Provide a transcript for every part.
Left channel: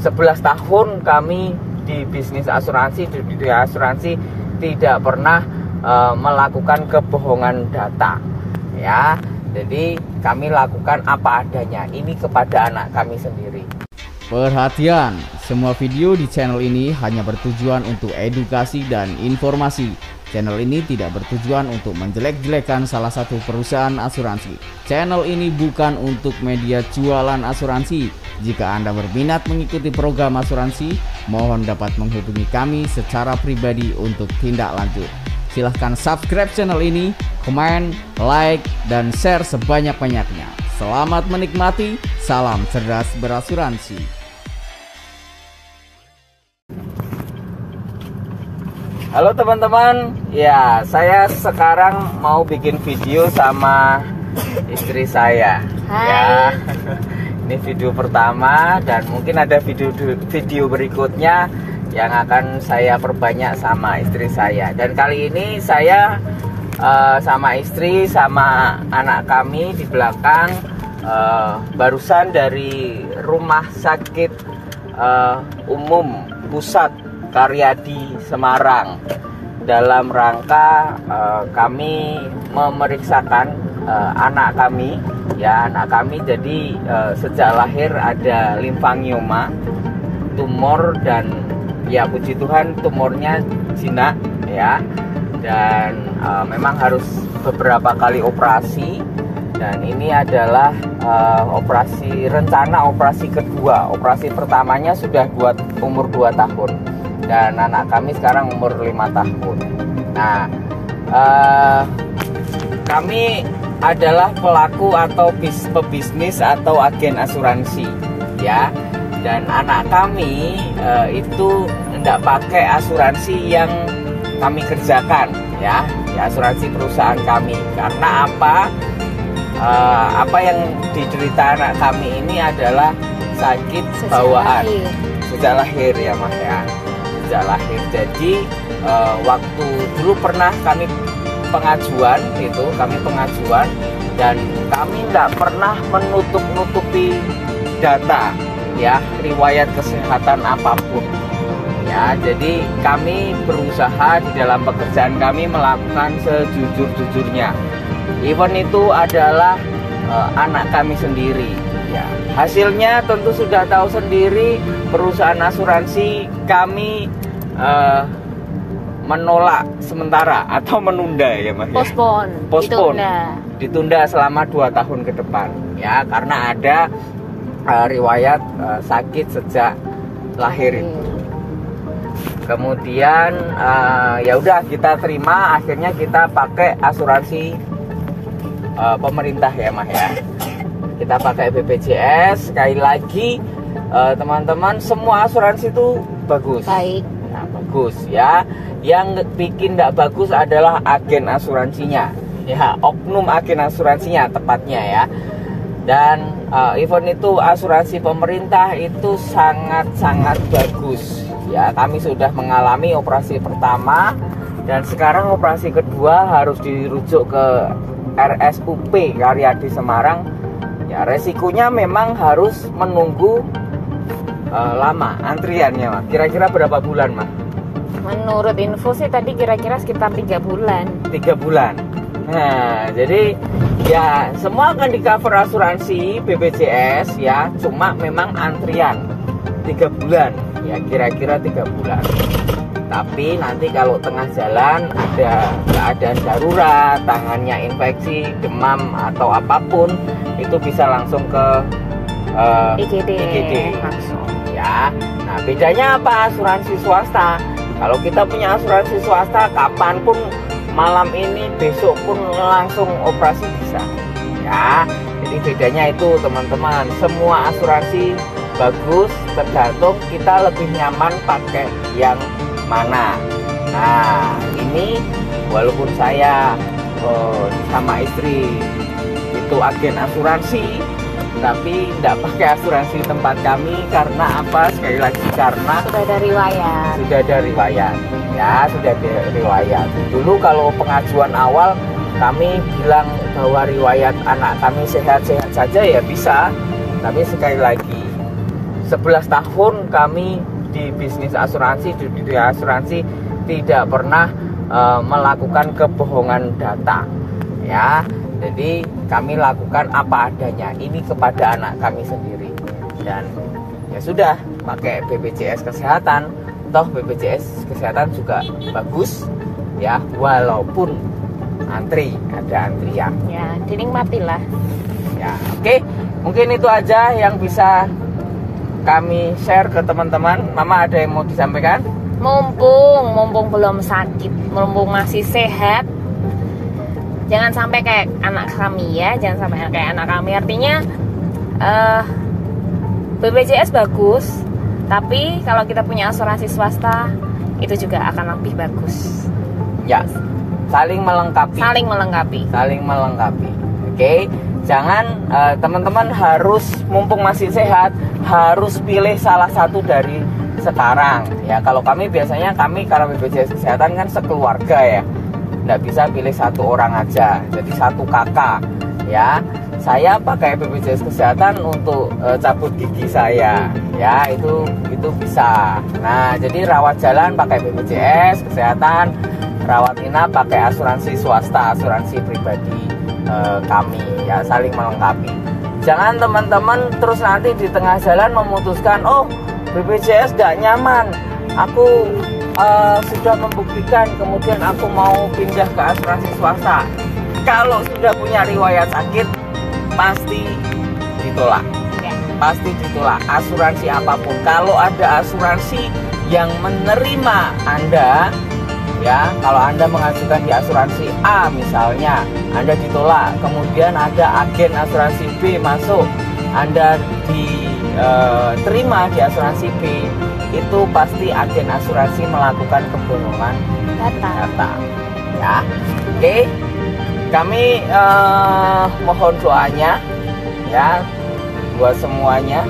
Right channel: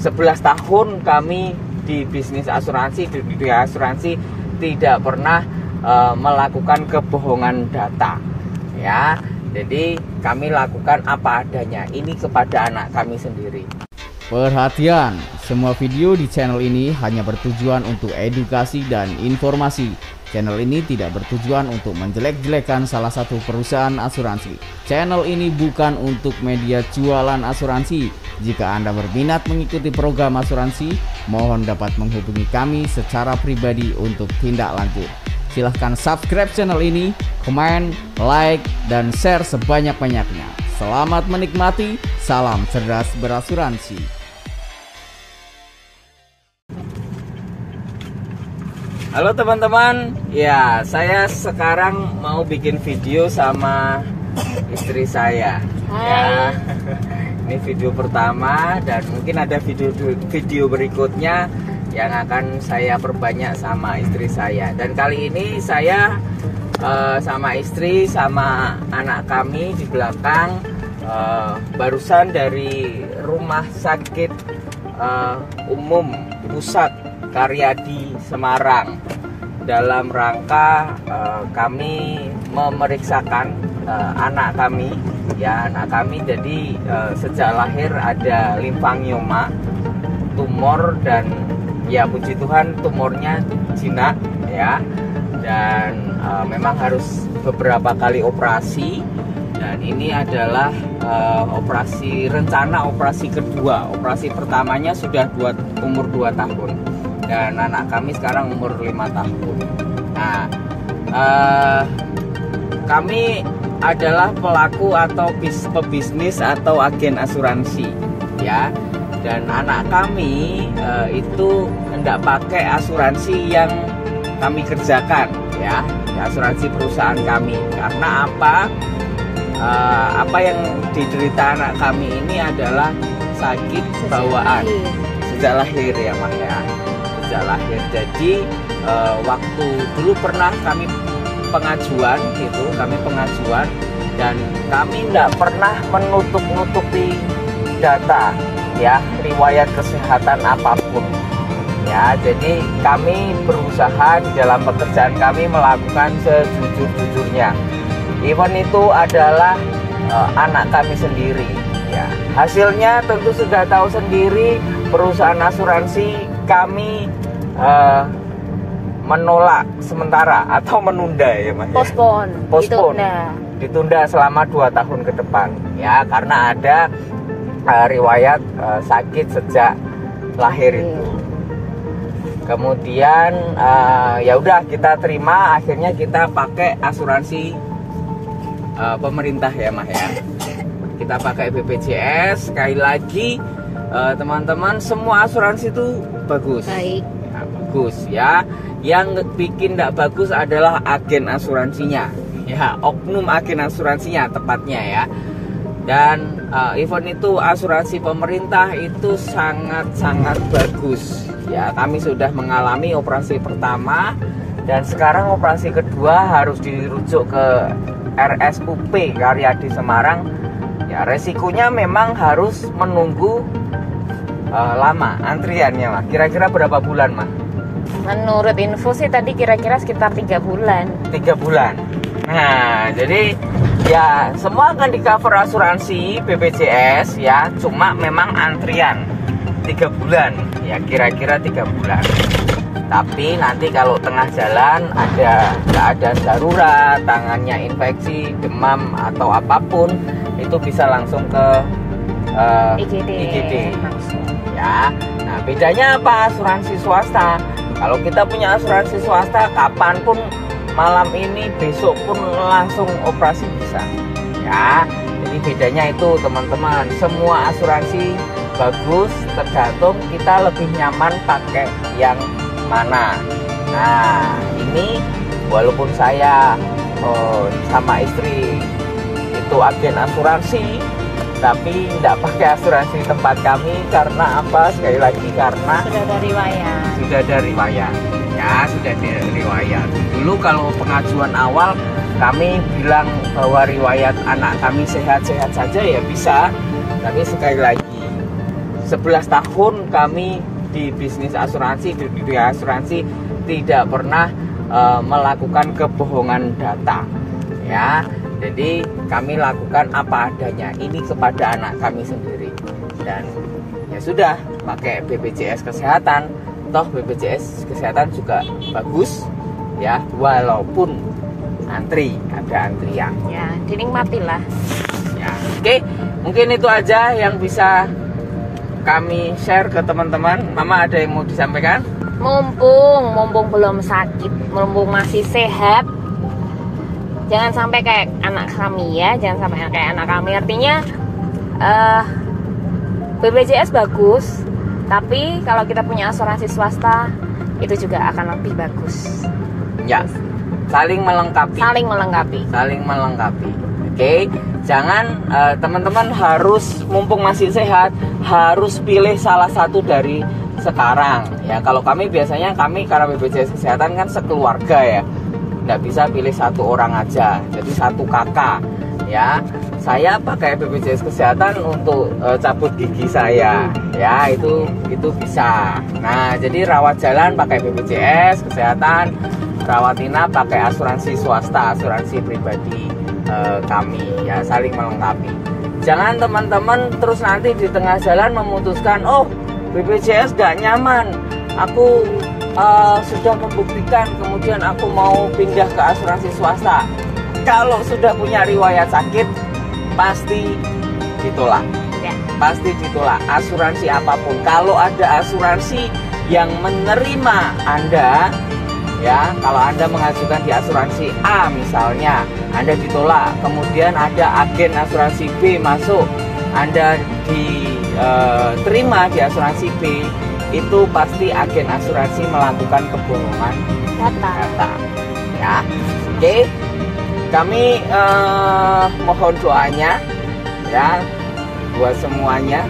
11 tahun kami di bisnis asuransi, di dunia asuransi, tidak pernah melakukan kebohongan data, ya. Jadi kami lakukan apa adanya, ini kepada anak kami sendiri. Perhatian, semua video di channel ini hanya bertujuan untuk edukasi dan informasi. Channel ini tidak bertujuan untuk menjelek-jelekan salah satu perusahaan asuransi. Channel ini bukan untuk media jualan asuransi. Jika Anda berminat mengikuti program asuransi, mohon dapat menghubungi kami secara pribadi untuk tindak lanjut. Silahkan subscribe channel ini, komen, like, dan share sebanyak-banyaknya. Selamat menikmati, salam cerdas berasuransi. Halo teman-teman, ya saya sekarang mau bikin video sama istri saya. Hai. Ya, ini video pertama dan mungkin ada video berikutnya yang akan saya perbanyak sama istri saya. Dan kali ini saya sama istri sama anak kami di belakang barusan dari rumah sakit umum pusat Karyadi Semarang dalam rangka kami memeriksakan anak kami, ya, anak kami. Jadi sejak lahir ada limfangioma, tumor, dan ya puji Tuhan tumornya jinak, ya, dan memang harus beberapa kali operasi. Dan ini adalah rencana operasi kedua. Operasi pertamanya sudah buat umur 2 tahun. Dan anak kami sekarang umur 5 tahun. Nah, kami adalah pelaku atau pebisnis atau agen asuransi, ya. Dan anak kami itu tidak pakai asuransi yang kami kerjakan, ya, asuransi perusahaan kami. Karena apa? Apa yang diderita anak kami ini adalah sakit bawaan sejak lahir, ya Mas, ya. Sejak lahir. Jadi waktu dulu pernah kami pengajuan dan kami tidak pernah menutup-nutupi data, ya, riwayat kesehatan apapun, ya. Jadi kami berusaha di dalam pekerjaan kami melakukan sejujur-jujurnya. Even itu adalah anak kami sendiri, ya. Hasilnya tentu sudah tahu sendiri, perusahaan asuransi kami menolak sementara atau menunda, ya Mas. Postpone. Ditunda selama 2 tahun ke depan, ya, karena ada riwayat sakit sejak lahir itu. Kemudian ya udah kita terima, akhirnya kita pakai asuransi pemerintah, ya Mas, ya. Kita pakai BPJS. Sekali lagi teman-teman, semua asuransi itu bagus. Baik. Nah, bagus, ya. Yang bikin tidak bagus adalah agen asuransinya, ya, oknum agen asuransinya tepatnya, ya. Dan even itu asuransi pemerintah itu sangat-sangat bagus, ya. Kami sudah mengalami operasi pertama dan sekarang operasi kedua harus dirujuk ke RSUP Karyadi Semarang. Ya, resikonya memang harus menunggu lama antriannya, Mas. Kira-kira berapa bulan, Mas? Menurut info sih tadi kira-kira sekitar 3 bulan. 3 bulan. Nah, jadi ya semua akan di cover asuransi BPJS, ya. Cuma memang antrian 3 bulan, ya, kira-kira 3 bulan. Tapi nanti kalau tengah jalan ada keadaan darurat, tangannya infeksi, demam atau apapun, itu bisa langsung ke IGD langsung, ya. Nah, bedanya apa asuransi swasta? Kalau kita punya asuransi swasta, kapanpun, malam ini, besok pun langsung operasi bisa, ya. Jadi bedanya itu teman-teman. Semua asuransi bagus, tergantung kita lebih nyaman pakai yang mana. Nah, ini walaupun saya sama istri itu agen asuransi, tapi tidak pakai asuransi tempat kami. Karena apa? Sekali lagi, karena sudah ada riwayat. Ya, sudah ada riwayat. Dulu kalau pengajuan awal kami bilang bahwa riwayat anak kami sehat-sehat saja, ya bisa. Tapi sekali lagi, 11 tahun kami di bisnis asuransi, di dunia asuransi, tidak pernah melakukan kebohongan data ya. Jadi kami lakukan apa adanya ini kepada anak kami sendiri, dan ya sudah pakai BPJS kesehatan. Toh BPJS kesehatan juga bagus ya, walaupun antri, ada antrian Ya, dinikmatilah. ya. Oke, mungkin itu aja yang bisa kami share ke teman-teman. Mama ada yang mau disampaikan? Mumpung belum sakit, mumpung masih sehat, jangan sampai kayak anak kami ya, jangan sampai kayak anak kami. Artinya BPJS bagus, tapi kalau kita punya asuransi swasta itu juga akan lebih bagus. Ya, saling melengkapi. Saling melengkapi. Saling melengkapi. Oke, jangan teman-teman harus mumpung masih sehat harus pilih salah satu dari sekarang ya. Kalau kami biasanya karena BPJS kesehatan kan sekeluarga ya, nggak bisa pilih satu orang aja, jadi satu kakak ya. Saya pakai BPJS kesehatan untuk cabut gigi saya ya, itu bisa. Nah, jadi rawat jalan pakai BPJS kesehatan, rawat inap pakai asuransi swasta, asuransi pribadi kami ya, saling melengkapi. Jangan teman-teman terus nanti di tengah jalan memutuskan, oh BPJS gak nyaman, aku sudah membuktikan, kemudian aku mau pindah ke asuransi swasta. Kalau sudah punya riwayat sakit pasti ditolak Ya. pasti ditolak asuransi apapun. Kalau ada asuransi yang menerima Anda ya, kalau Anda mengajukan di asuransi A misalnya, Anda ditolak, kemudian ada agen asuransi B masuk, Anda diterima di asuransi B, itu pasti agen asuransi melakukan kebohongan data ya. Oke, kami mohon doanya ya buat semuanya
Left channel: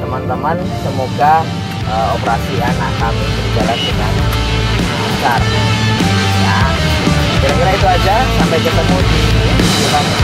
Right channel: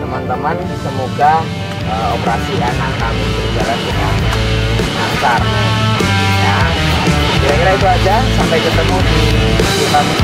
teman-teman, semoga operasi anak kami berjalan dengan lancar ya. Kira-kira itu aja, sampai ketemu di video kami.